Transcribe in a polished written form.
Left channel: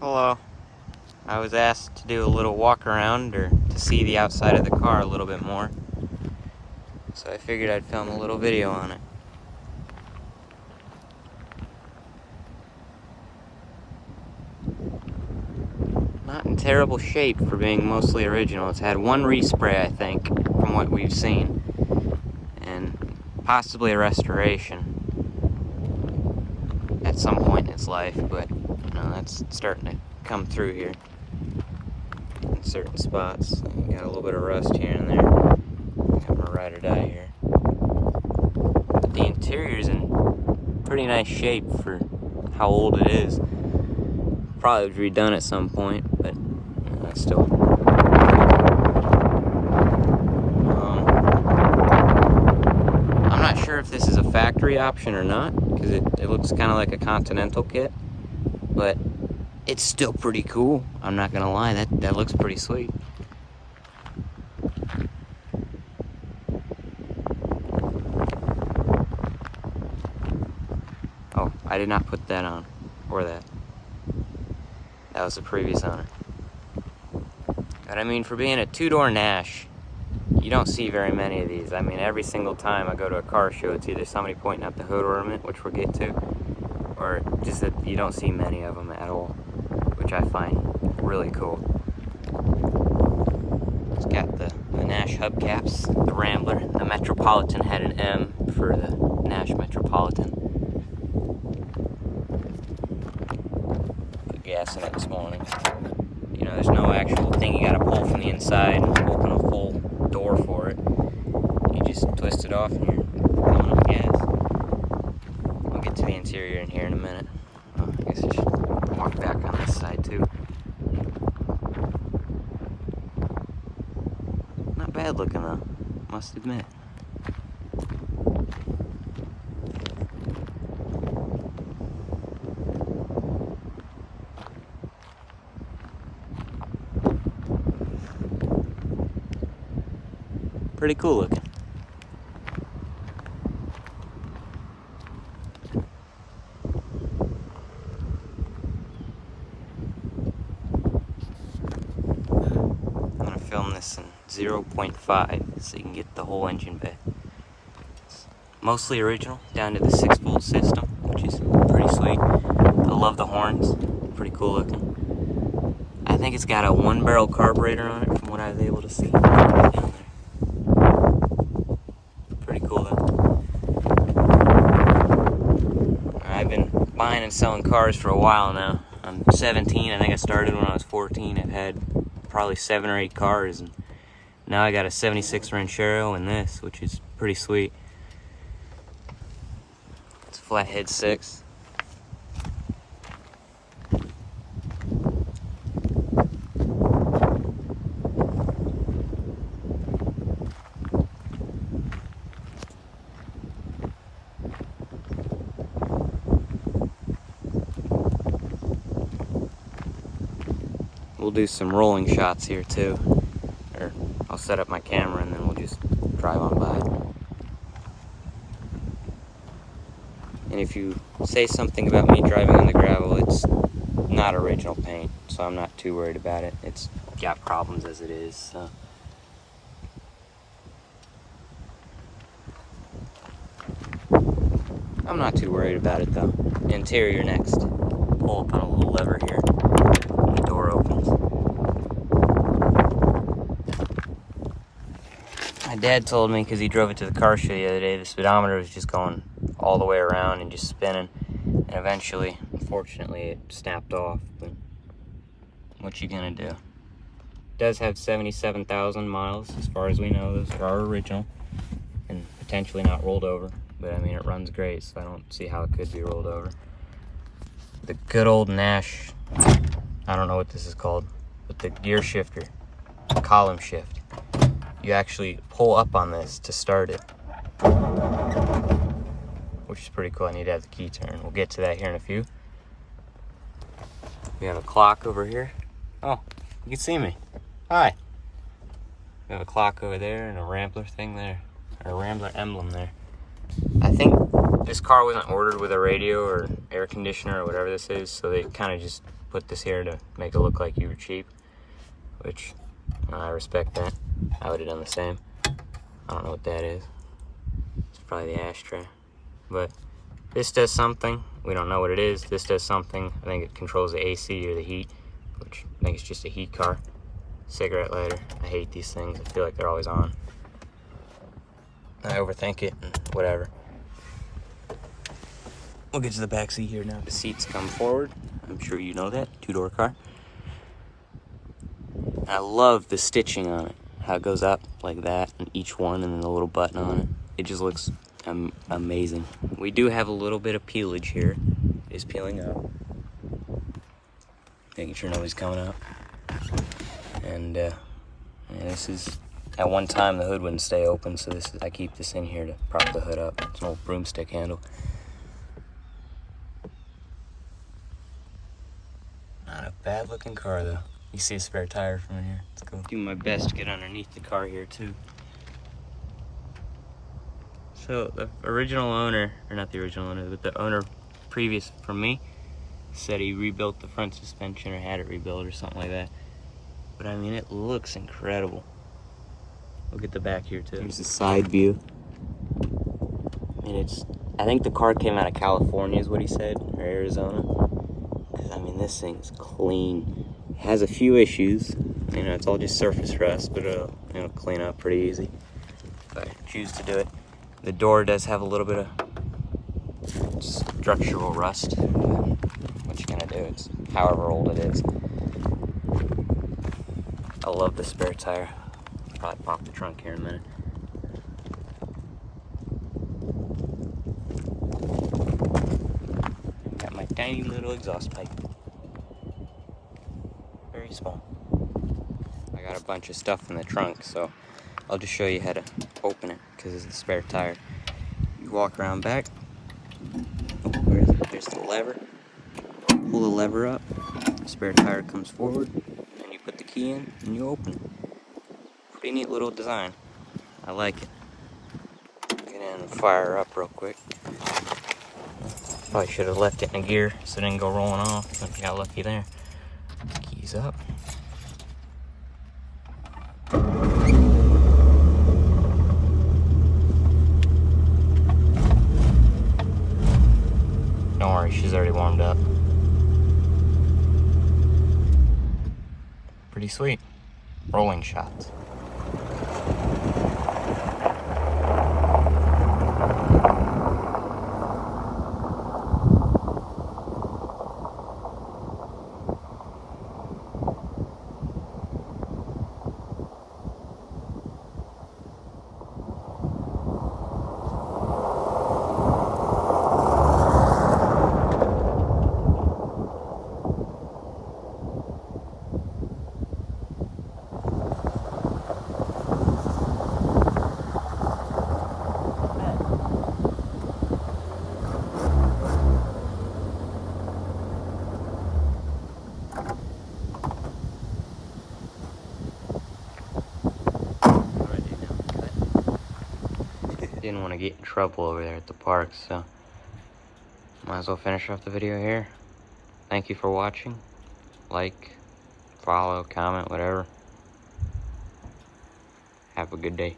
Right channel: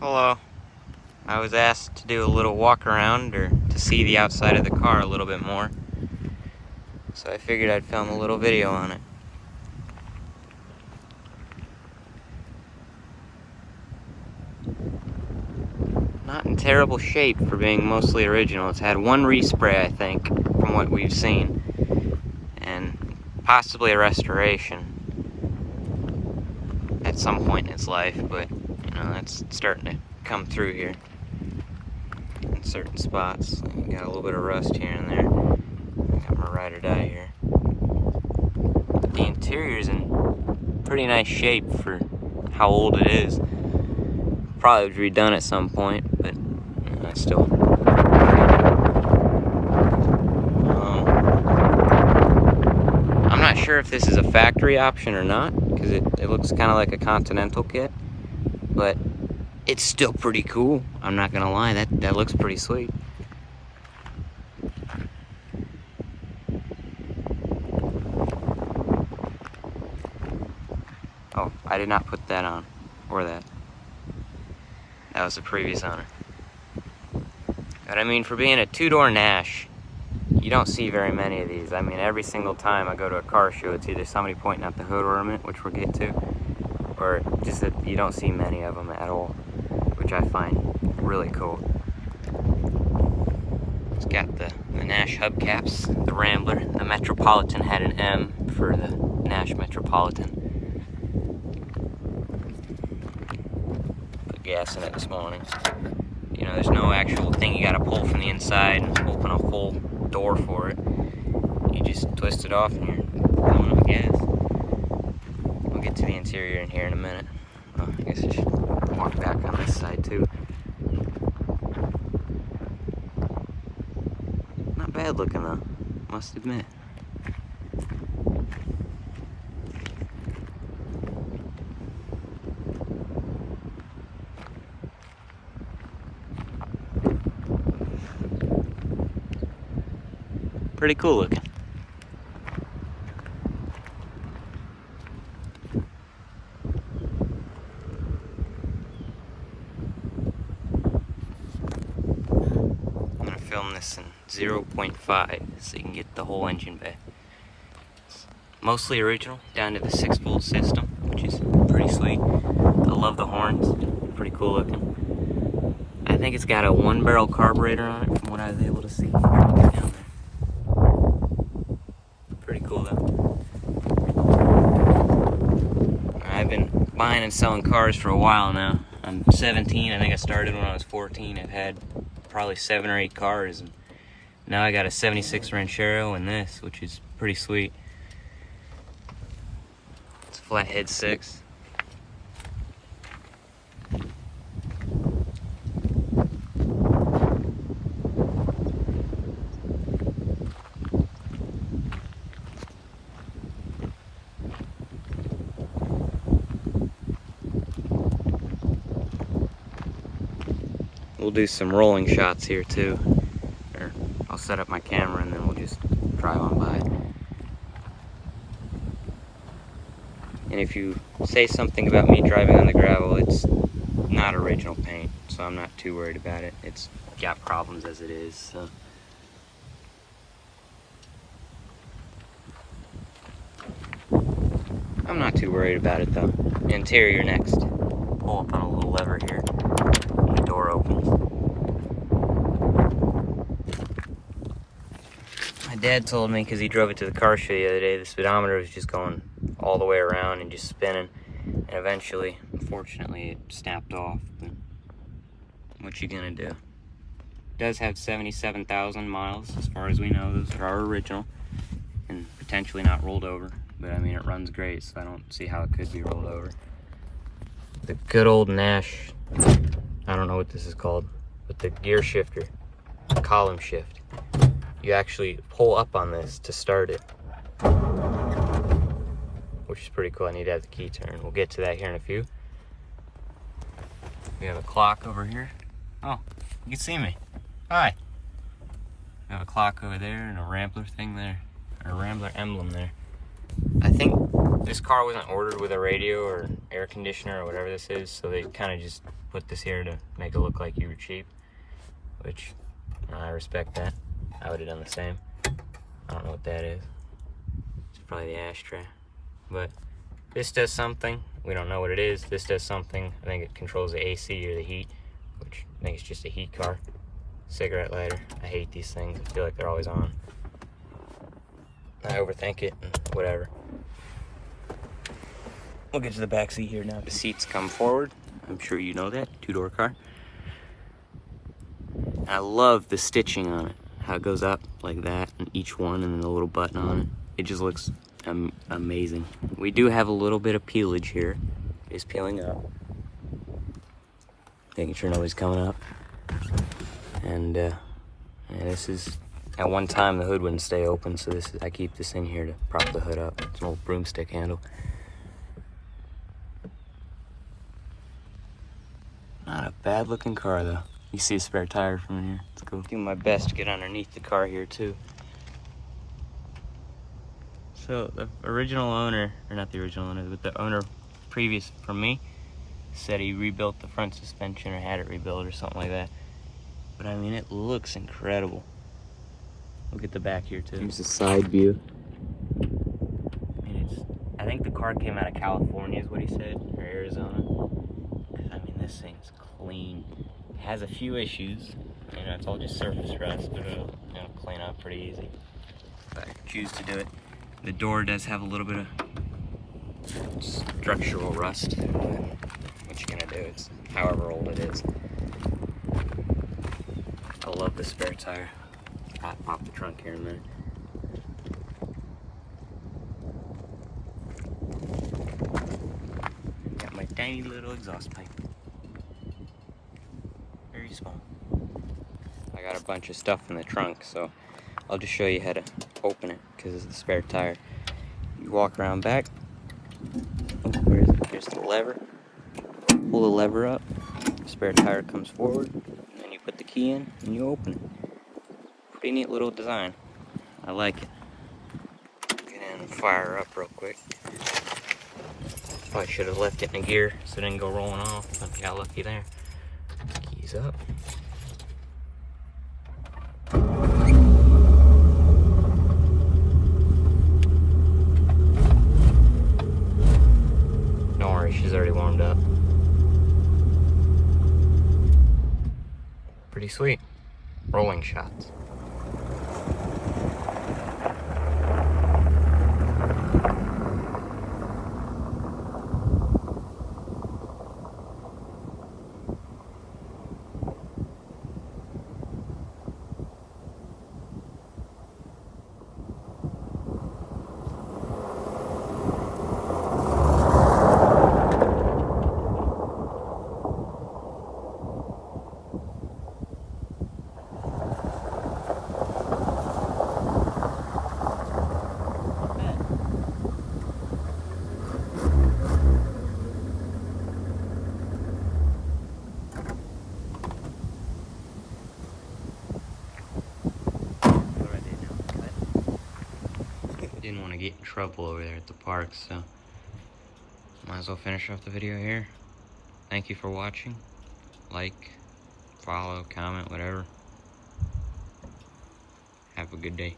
Hello. I was asked to do a little walk around or to see the outside of the car a little bit more. So I figured I'd film a little video on it. Not in terrible shape for being mostly original. It's had one respray, I think, from what we've seen. And possibly a restoration at some point in its life, but you know, that's starting to come through here in certain spots. You got a little bit of rust here and there. Got my ride or die here. But the interior's in pretty nice shape for how old it is. Probably was redone at some point, but still. I'm not sure if this is a factory option or not, because it looks kind of like a Continental kit, but it's still pretty cool. I'm not gonna lie, that looks pretty sweet. Oh, I did not put that on, or that. That was the previous owner. But I mean, for being a two-door Nash, you don't see very many of these. I mean, every single time I go to a car show, it's either somebody pointing out the hood ornament, which we'll get to, or just that you don't see many of them at all, which I find really cool. It's got the Nash hubcaps, the Rambler. The Metropolitan had an M for the Nash Metropolitan. Put gas in it this morning. You know, there's no actual thing you gotta pull from the inside and open a full door for it. You just twist it off and you're going up gas. We'll get to the interior in here in a minute. I guess I should walk back on this side too. Not bad looking though, must admit. Pretty cool looking. I'm gonna film this in 0.5 so you can get the whole engine bay. Mostly original, down to the 6-volt system, which is pretty sweet. I love the horns, pretty cool looking. I think it's got a 1-barrel carburetor on it from what I was able to see down there. Pretty cool though. I've been buying and selling cars for a while now. I'm 17, I think I started when I was 14. I've had probably 7 or 8 cars, and now I got a 76 Ranchero and this, which is pretty sweet. It's a flathead 6. We'll do some rolling shots here too, or I'll set up my camera and then we'll just drive on by. And if you say something about me driving on the gravel, it's not original paint, so I'm not too worried about it. It's got problems as it is, so. I'm not too worried about it though. Interior next. Pull up on a little lever here. The door opens. My dad told me, because he drove it to the car show the other day, the speedometer was just going all the way around and just spinning. And eventually, unfortunately, it snapped off. But what you gonna do? It does have 77,000 miles, as far as we know. Those are original and potentially not rolled over. But I mean, it runs great, so I don't see how it could be rolled over. The good old Nash, I don't know what this is called, but the gear shifter, column shift. You actually pull up on this to start it, which is pretty cool. I need to have the key turn. We'll get to that here in a few. We have a clock over here. Oh, you can see me. Hi. We have a clock over there and a Rambler thing there, or a Rambler emblem there. I think this car wasn't ordered with a radio or air conditioner or whatever this is, so they kind of just put this here to make it look like you were cheap, which I respect that. I would have done the same. I don't know what that is. It's probably the ashtray. But this does something. We don't know what it is. This does something. I think it controls the AC or the heat, which I think it's just a heat car. Cigarette lighter. I hate these things. I feel like they're always on. I overthink it and whatever. We'll get to the back seat here now. The seats come forward. I'm sure you know that. Two-door car. I love the stitching on it. How it goes up like that, and each one, and then the little button on it. It just looks amazing. We do have a little bit of peelage here. It's peeling up. Making sure nobody's coming up. And this is, at one time the hood wouldn't stay open, so this is, I keep this in here to prop the hood up. It's an old broomstick handle. Not a bad looking car though. You see a spare tire from in here. It's cool. Doing my best to get underneath the car here too. So the original owner, or not the original owner, but the owner previous from me said he rebuilt the front suspension or had it rebuilt or something like that. But I mean, it looks incredible. Look at the back here too. There's the side view. And it's, I think the car came out of California is what he said, or Arizona. Cause I mean, this thing's clean. It has a few issues. You know, it's all just surface rust, but it'll clean up pretty easy if I choose to do it. The door does have a little bit of structural rust. What you gonna do? It's however old it is. I love the spare tire. I'll pop the trunk here in a minute. Got my tiny little exhaust pipe. Very small. I got a bunch of stuff in the trunk, so I'll just show you how to open it because it's the spare tire. You walk around back. Oh, where is it? There's the lever. Pull the lever up. The spare tire comes forward. And you put the key in and you open it. Pretty neat little design. I like it. Get in and fire her up real quick. Probably should have left it in a gear so it didn't go rolling off, but got lucky there. Keys up. Don't worry, she's already warmed up. Pretty sweet. Rolling shots. Didn't want to get in trouble over there at the park, so might as well finish off the video here. Thank you for watching. Like, follow, comment, whatever. Have a good day.